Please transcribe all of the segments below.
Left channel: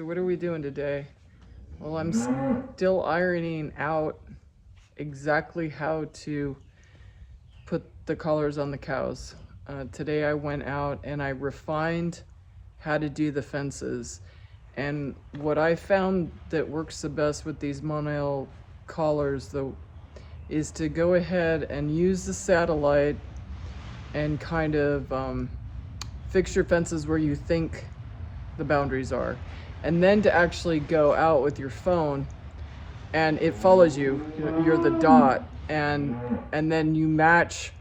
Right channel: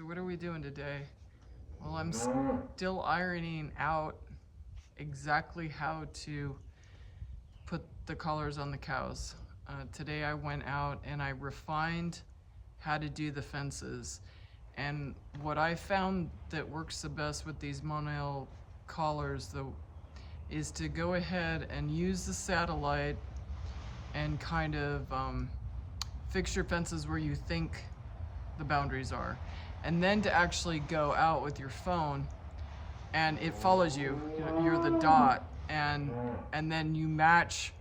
So what are we doing today? Well, I'm still ironing out exactly how to put the collars on the cows. Today I went out and I refined how to do the fences. And what I found that works the best with these Monil collars though is to go ahead and use the satellite and kind of fix your fences where you think the boundaries are, and then to actually go out with your phone and it follows you. You're the dot, and then you match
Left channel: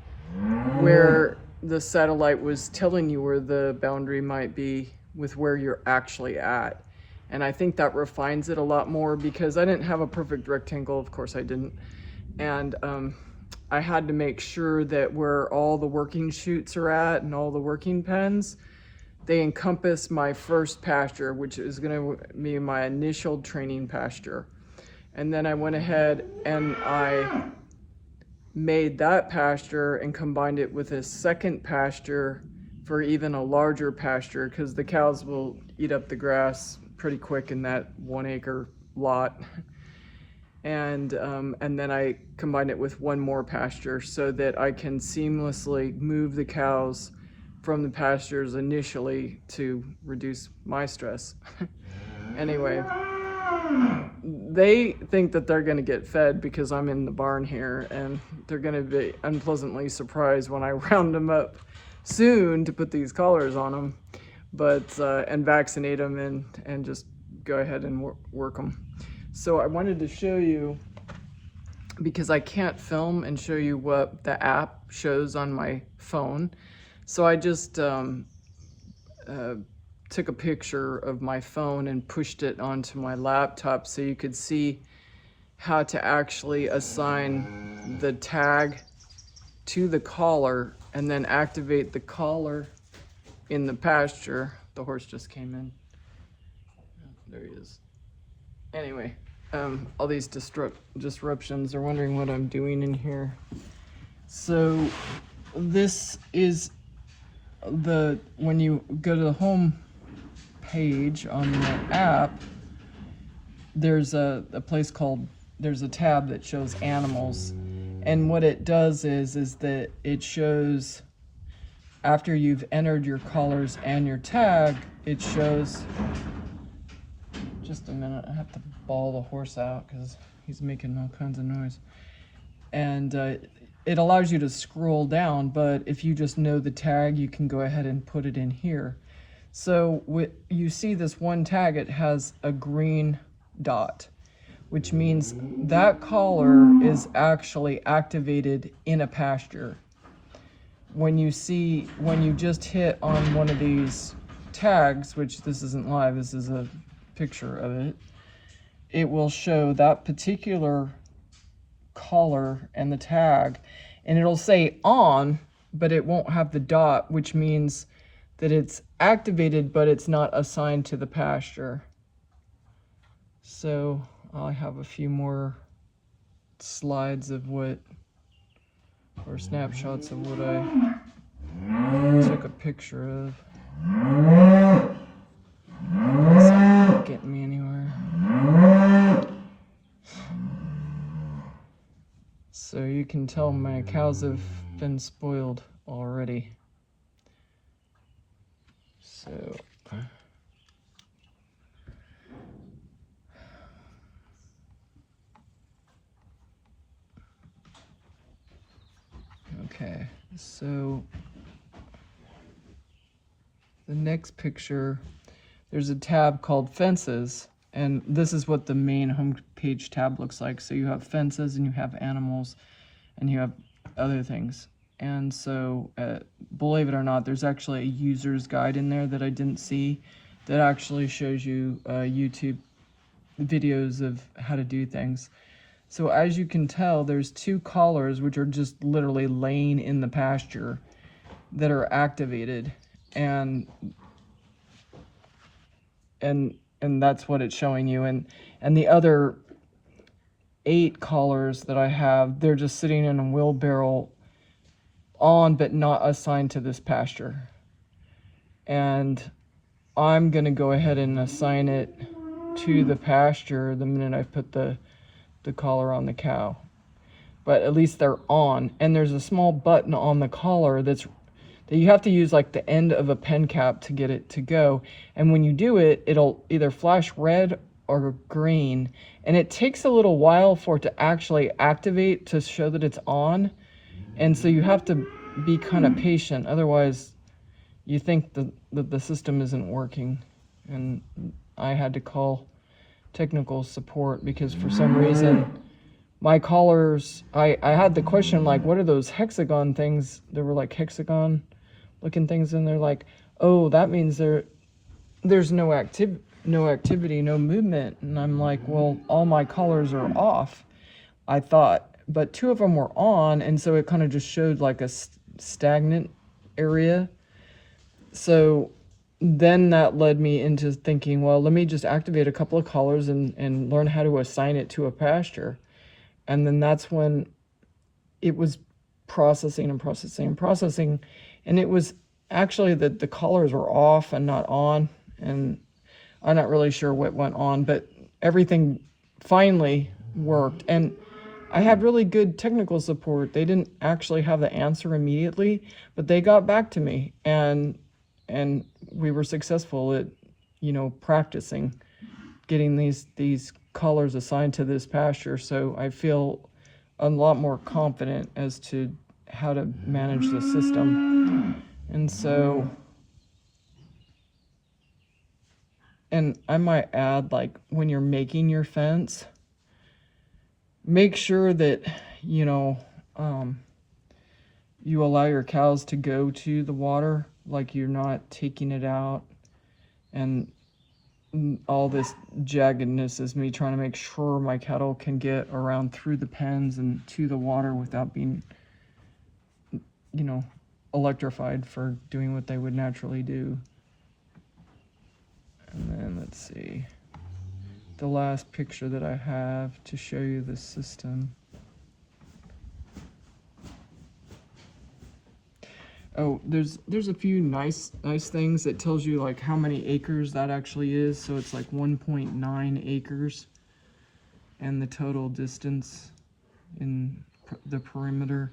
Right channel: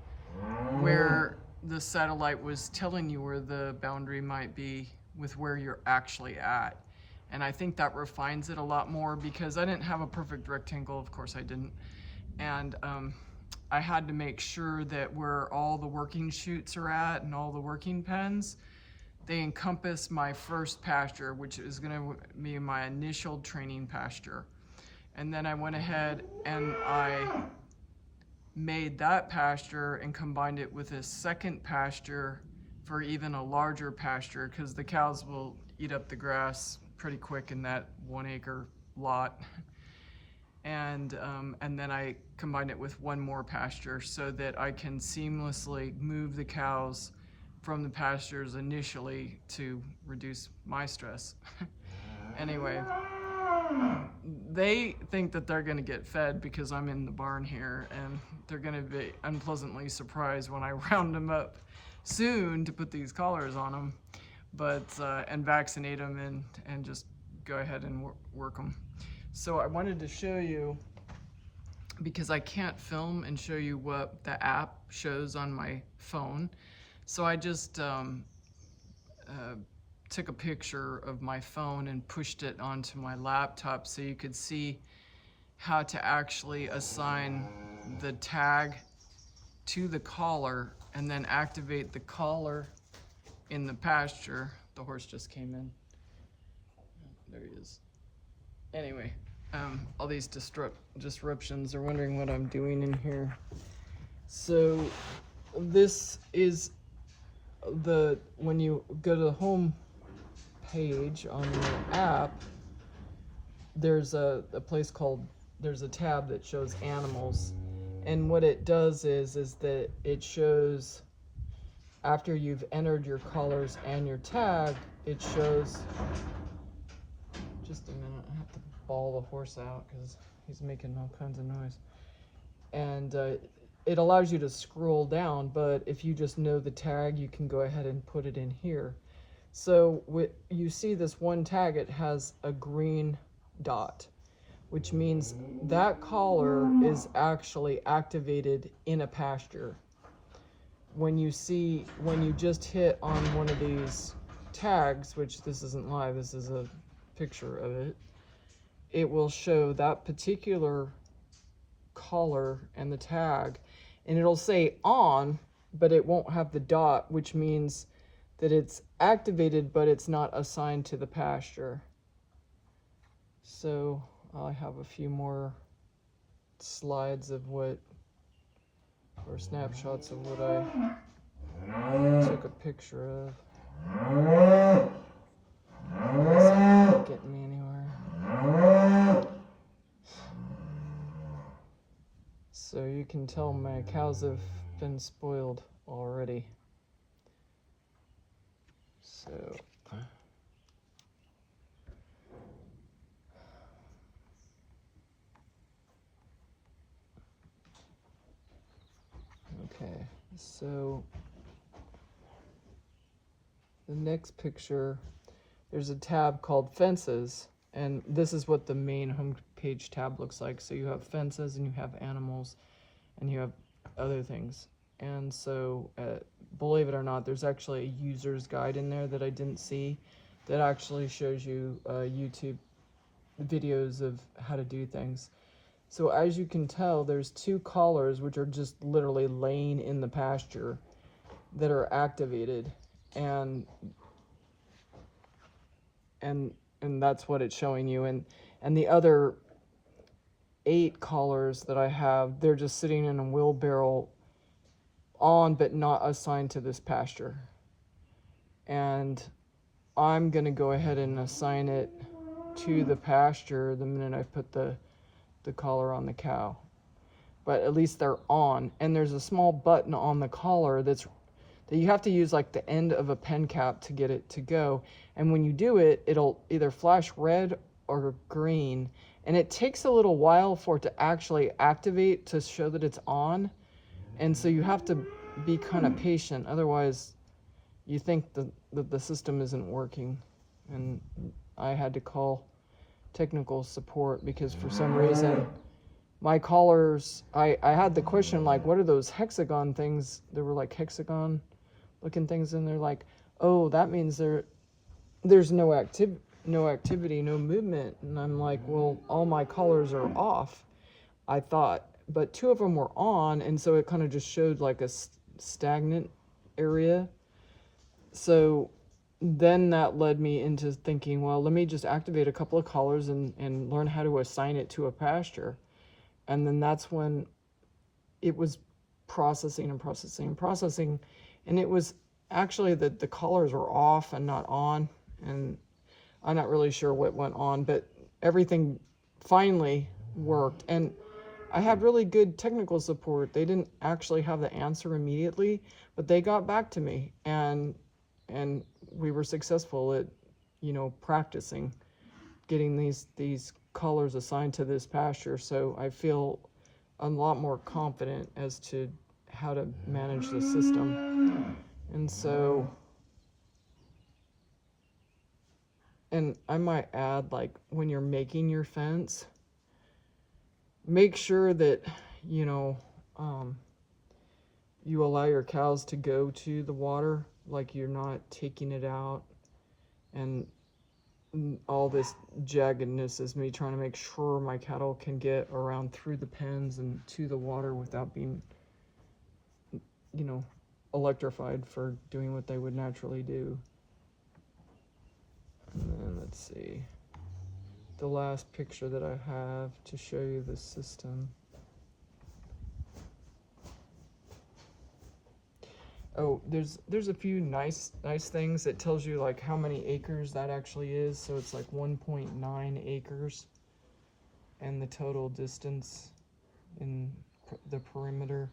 where the satellite was telling you where the boundary might be with where you're actually at. And I think that refines it a lot more, because I didn't have a perfect rectangle, of course I didn't, and I had to make sure that where all the working chutes are at and all the working pens, they encompass my first pasture, which is going to be my initial training pasture. And then I went ahead and I made that pasture and combined it with a second pasture for even a larger pasture, because the cows will eat up the grass pretty quick in that 1 acre lot. And then I combined it with one more pasture so that I can seamlessly move the cows from the pastures initially to reduce my stress. Anyway, they think that they're going to get fed because I'm in the barn here, and they're going to be unpleasantly surprised when I round them up soon to put these collars on them, but and vaccinate them and just go ahead and work them. So I wanted to show you, because I can't film and show you what the app shows on my phone. So I just took a picture of my phone and pushed it onto my laptop so you could see how to actually assign the tag to the collar and then activate the collar in the pasture. The horse just came in. There he is. Anyway, all these disruptions are wondering what I'm doing in here. So this is when you go to the home page on the app, there's a place called, there's a tab that shows animals, and what it does is that it shows, after you've entered your collars and your tag, it shows, just a minute, I have to bawl the horse out because he's making all kinds of noise, and it allows you to scroll down, but if you just know the tag, you can go ahead and put it in here. So you see this one tag, it has a green dot, which means that collar is actually activated in a pasture. When you just hit on one of these tags, which this isn't live, this is a picture of it, it will show that particular collar and the tag, and it'll say on, but it won't have the dot, which means that it's activated, but it's not assigned to the pasture. So I have a few more slides of what, or snapshots of what I took a picture of. It's not getting me anywhere. So you can tell my cows have been spoiled already. So okay, so the next picture, there's a tab called Fences, and this is what the main homepage tab looks like. So you have fences and you have animals and you have other things. And so believe it or not, there's actually a user's guide in there that I didn't see that actually shows you YouTube videos of how to do things. So as you can tell, there's two collars which are just literally laying in the pasture that are activated, and that's what it's showing you. And the other 8 collars that I have, they're just sitting in a wheelbarrow on, but not assigned to this pasture. And I'm gonna go ahead and assign it to the pasture the minute I put the collar on the cow. But at least they're on, and there's a small button on the collar that you have to use like the end of a pen cap to get it to go. And when you do it, it'll either flash red or green, and it takes a little while for it to actually activate to show that it's on. And so you have to be kind of patient, otherwise you think that the system isn't working. And I had to call technical support because for some reason my collars, I had the question like, what are those hexagon things? There were like hexagon looking things, and they're like, oh, that means there's no activity, no movement. And I'm like, well, all my collars are off, I thought, but 2 of them were on, and so it kind of just showed like a stagnant area. So then that led me into thinking, well, let me just activate a couple of collars and learn how to assign it to a pasture. And then that's when it was processing and processing and processing. And it was actually that the collars were off and not on. And I'm not really sure what went on, but everything finally worked. And I had really good technical support. They didn't actually have the answer immediately, but they got back to me, and we were successful at, practicing getting these collars assigned to this pasture. So I feel a lot more confident as to how to manage the system. And so, and I might add, like, when you're making your fence, make sure that, you allow your cows to go to the water, like you're not taking it out. And all this jaggedness is me trying to make sure my cattle can get around through the pens and to the water without being, electrified for doing what they would naturally do. And then let's see, the last picture that I have to show you the system. Oh, there's a few nice things. It tells you like how many acres that actually is. So it's like 1.9 acres, and the total distance in the perimeter.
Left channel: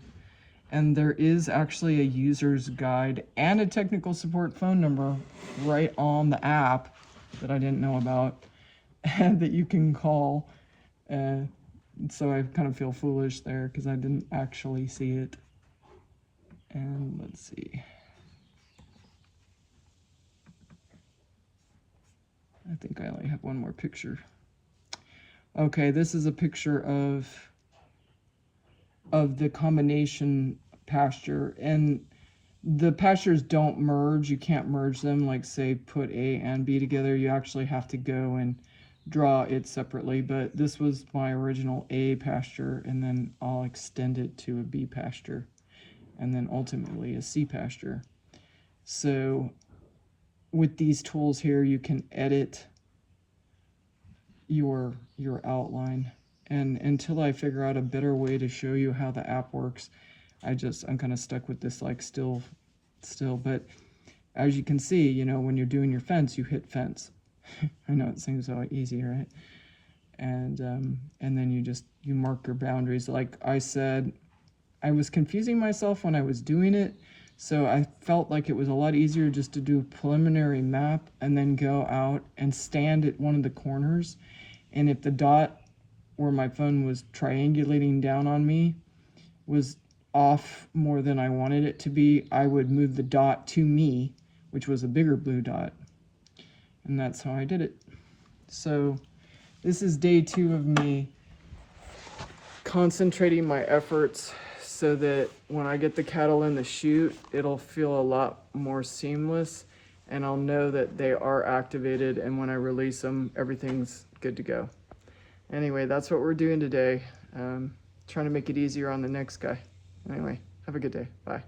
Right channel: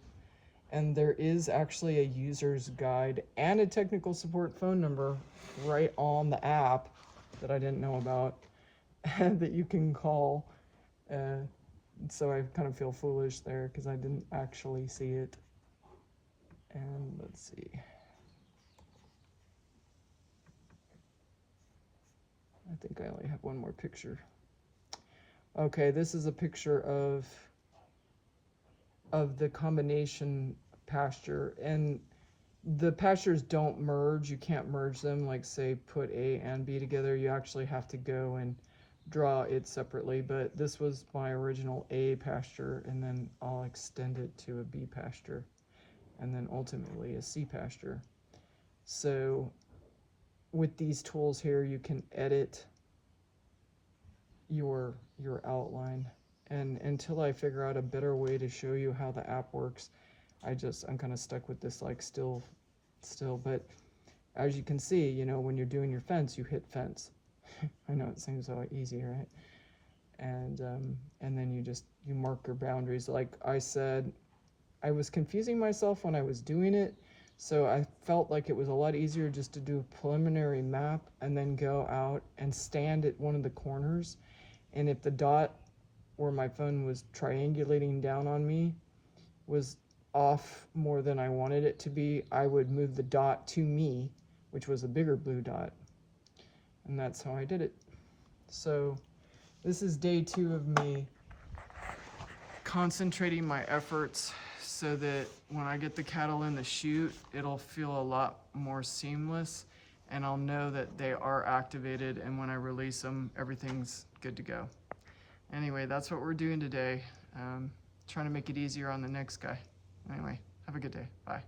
And there is actually a user's guide and a technical support phone number right on the app that I didn't know about, and that you can call. So I kind of feel foolish there because I didn't actually see it. And let's see. I think I only have one more picture. Okay, this is a picture of the combination pasture, and the pastures don't merge. You can't merge them, like say put A and B together. You actually have to go and draw it separately, but this was my original A pasture, and then I'll extend it to a B pasture, and then ultimately a C pasture. So with these tools here, you can edit your outline. And until I figure out a better way to show you how the app works, I'm kind of stuck with this like still. But as you can see, when you're doing your fence, you hit fence. I know it seems so easy, right? And then you mark your boundaries. Like I said, I was confusing myself when I was doing it, so I felt like it was a lot easier just to do a preliminary map and then go out and stand at one of the corners. And if the dot where my phone was triangulating down on me was off more than I wanted it to be, I would move the dot to me, which was a bigger blue dot. And that's how I did it. So this is day 2 of me concentrating my efforts so that when I get the cattle in the chute, it'll feel a lot more seamless, and I'll know that they are activated, and when I release them, everything's good to go. Anyway, that's what we're doing today. Trying to make it easier on the next guy. Anyway, have a good day. Bye.